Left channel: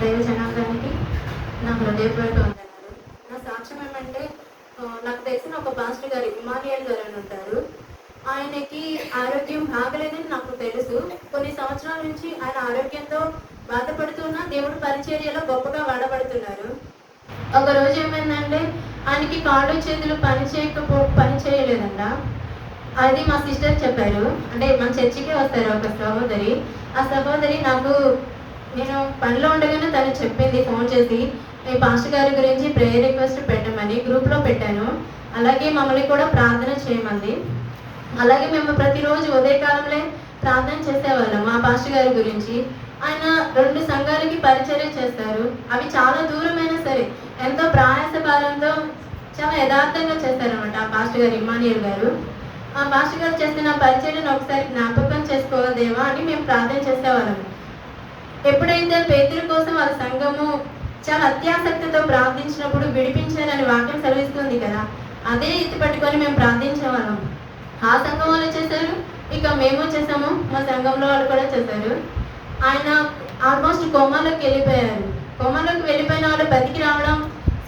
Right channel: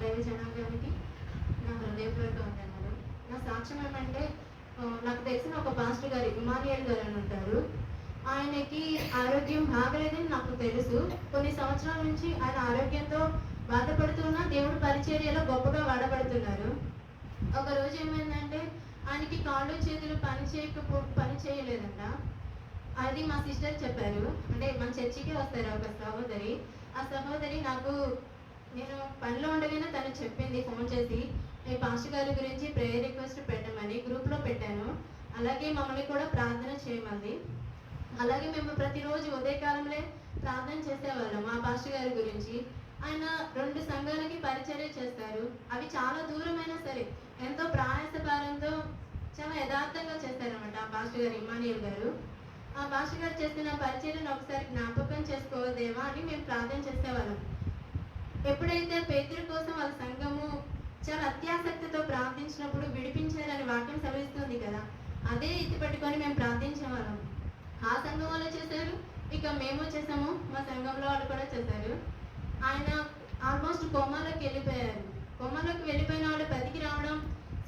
దైవ జనాంగానికి నా హృదయపూర్వక వందనాలు. నా సాక్ష్యం ఏమంటే, నాకు తెలిసిన ఒక పాస్టర్ గారు ఇమానియల్ గారు అని ఉంటారు. ఆయనకి ఆరోగ్యం బాగలేదని నాకు తెలుసు. కొన్ని సంవత్సరాల నుంచి ఆయన ఆరోగ్యంతో బాధపడుతున్నా దేవుడు పరిచర్యలో గొప్పగా వాడబడుతున్నారు. ఒక రోజు ఏమైందంటే, ఆయనకి కాళ్ళు చేతులు పని చేయలేదంట. అది మా సిస్టర్ చెప్పారు. అంటే మా చర్చికే వస్తారు ఒక సహోదరి. ఆ సహోదరి నేను పనిలో ఉండగానే తను చెప్పింది ఫోన్ చేసి, ఈ పాస్టర్ గారి గురించి ప్రేయర్ రిక్వెస్ట్ పెట్టమని గ్రూప్లో పెట్టాను. అలాగే మమ్మల్ని కూడా ప్రార్థన చేయమంది. అలాగే మేము ప్రతిరోజు ఉదయకాలంలో ప్రార్థన చేసేవాళ్ళం మా పాస్టర్ గారి గురించి. ఆయన 2 సంఘాలకి పరిచర్య చేస్తారు. అవి చాలా దూరమైనా సరే ఎంతో ప్రయాసకాలంతో చాలా యథార్థంగా చేస్తారనమాట ఆ పాస్టర్ గారు ఇమానియల్ గారు. ఆ పాస్టర్ గారు చేస్తున్న పరిచర్యను ఒకసారి జ్ఞాపకం చేసుకోదేవా అని మేము ప్రార్థన చేసేవాళ్ళం. ఎప్పుడైతే పేతురు కోసం వాళ్ళ సంఘము చాలా అత్యాసక్తితో ప్రార్థించినప్పుడు విడిపించారని వాక్యం సెలవిస్తుంది కదా, అదే ఎత్తి పట్టుకొని మేము ప్రార్థించేవాళ్ళం. ఆ సంఘం వాళ్ళు చేశారు, ఇక మేము చేసాము, మా సంఘంలో వాళ్ళు కూడా చేశారు. ఆయన ఆల్మోస్ట్ కోమాలోకి వెళ్ళిపోయారు. కోమాలోకి వెళ్ళిపోయిన వాళ్ళు బతికి రావడం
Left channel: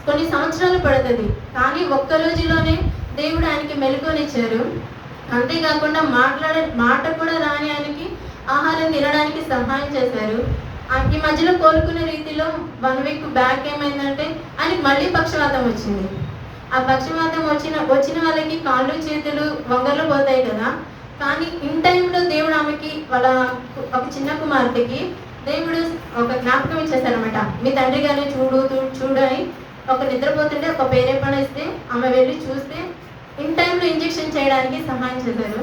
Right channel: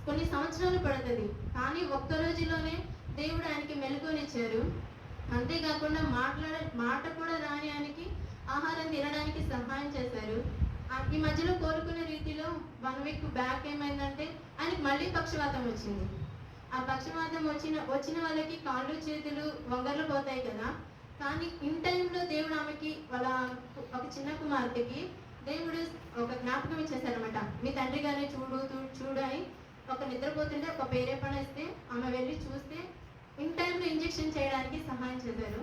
కొన్ని సంవత్సరాలు పడుతుంది. కానీ ఒక్క రోజులోనే దేవుడు ఆయనకి మెలకువనిచ్చారు. అంతేకాకుండా మాట కూడా రాని ఆయనకి ఆహారం తినడానికి సహాయం చేశారు. ఈ మధ్యలో కోలుకునే రీతిలో 1 వీక్ బ్యాక్ ఏమైందంటే ఆయనకి మళ్ళీ పక్షవాతం వచ్చింది. ఆ పక్షవాతం వచ్చిన వాళ్ళకి కాళ్ళు చేతులు వంగలు పోతాయి కదా. కానీ ఇన్ టైంలో దేవుడు ఆమెకి వాళ్ళ ఒక చిన్న కుమార్తెకి దేవుడు ఒక జ్ఞాపకం ఇచ్చేశారనమాట. మీ తండ్రి గారిని చూడు అని. ఒక నిద్రపోతుంటే ఒక పేరేపణ ఇస్తే ఆమె వెళ్ళి చూస్తే ఇన్ టైంలో ఇంజెక్షన్ చేయడానికి సహాయం చేశారు.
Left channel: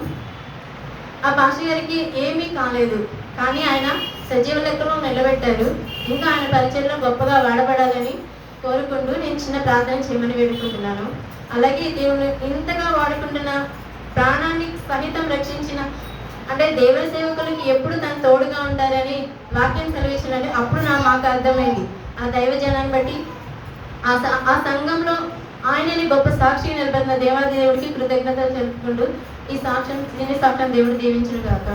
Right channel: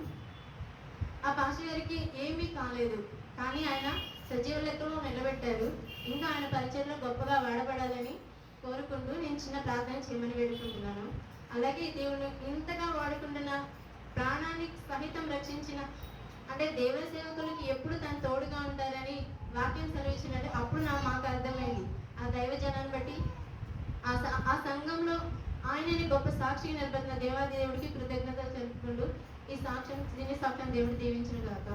ఆ పాస్టర్ గారికి ఏమీ కాలేదు, కానీ ఆయన సజీవ లెక్కలో నిలబెట్టారు. ఇంకా ఆయన పరిచయంలో గొప్పగా వాడబడాలని కోరుకుంటూ నేను చిన్న ప్రార్థన చేయమని వేడుకుంటున్నాను. అలాగే దేవుడు ఇంతగా వాడుకుంటున్న ప్రాణాన్ని సహితం రక్షించిన అంటే దేవుని సేవకులకి ఎప్పుడు తను తోడుగా ఉంటారని వాక్యం సెలవిచ్చినట్టు అప్పుడు మాకు అర్థమైంది. ఆ దైవ జనాన్ని బట్టి ఆ సంఘంలో ఆయనని గొప్ప సాక్షి నిలబెట్టిన దేవాది దేవుడికి కృతజ్ఞతలు తెలుపుకుంటూ ఈ సాక్ష్యం దేవుడు దీవించును గాక.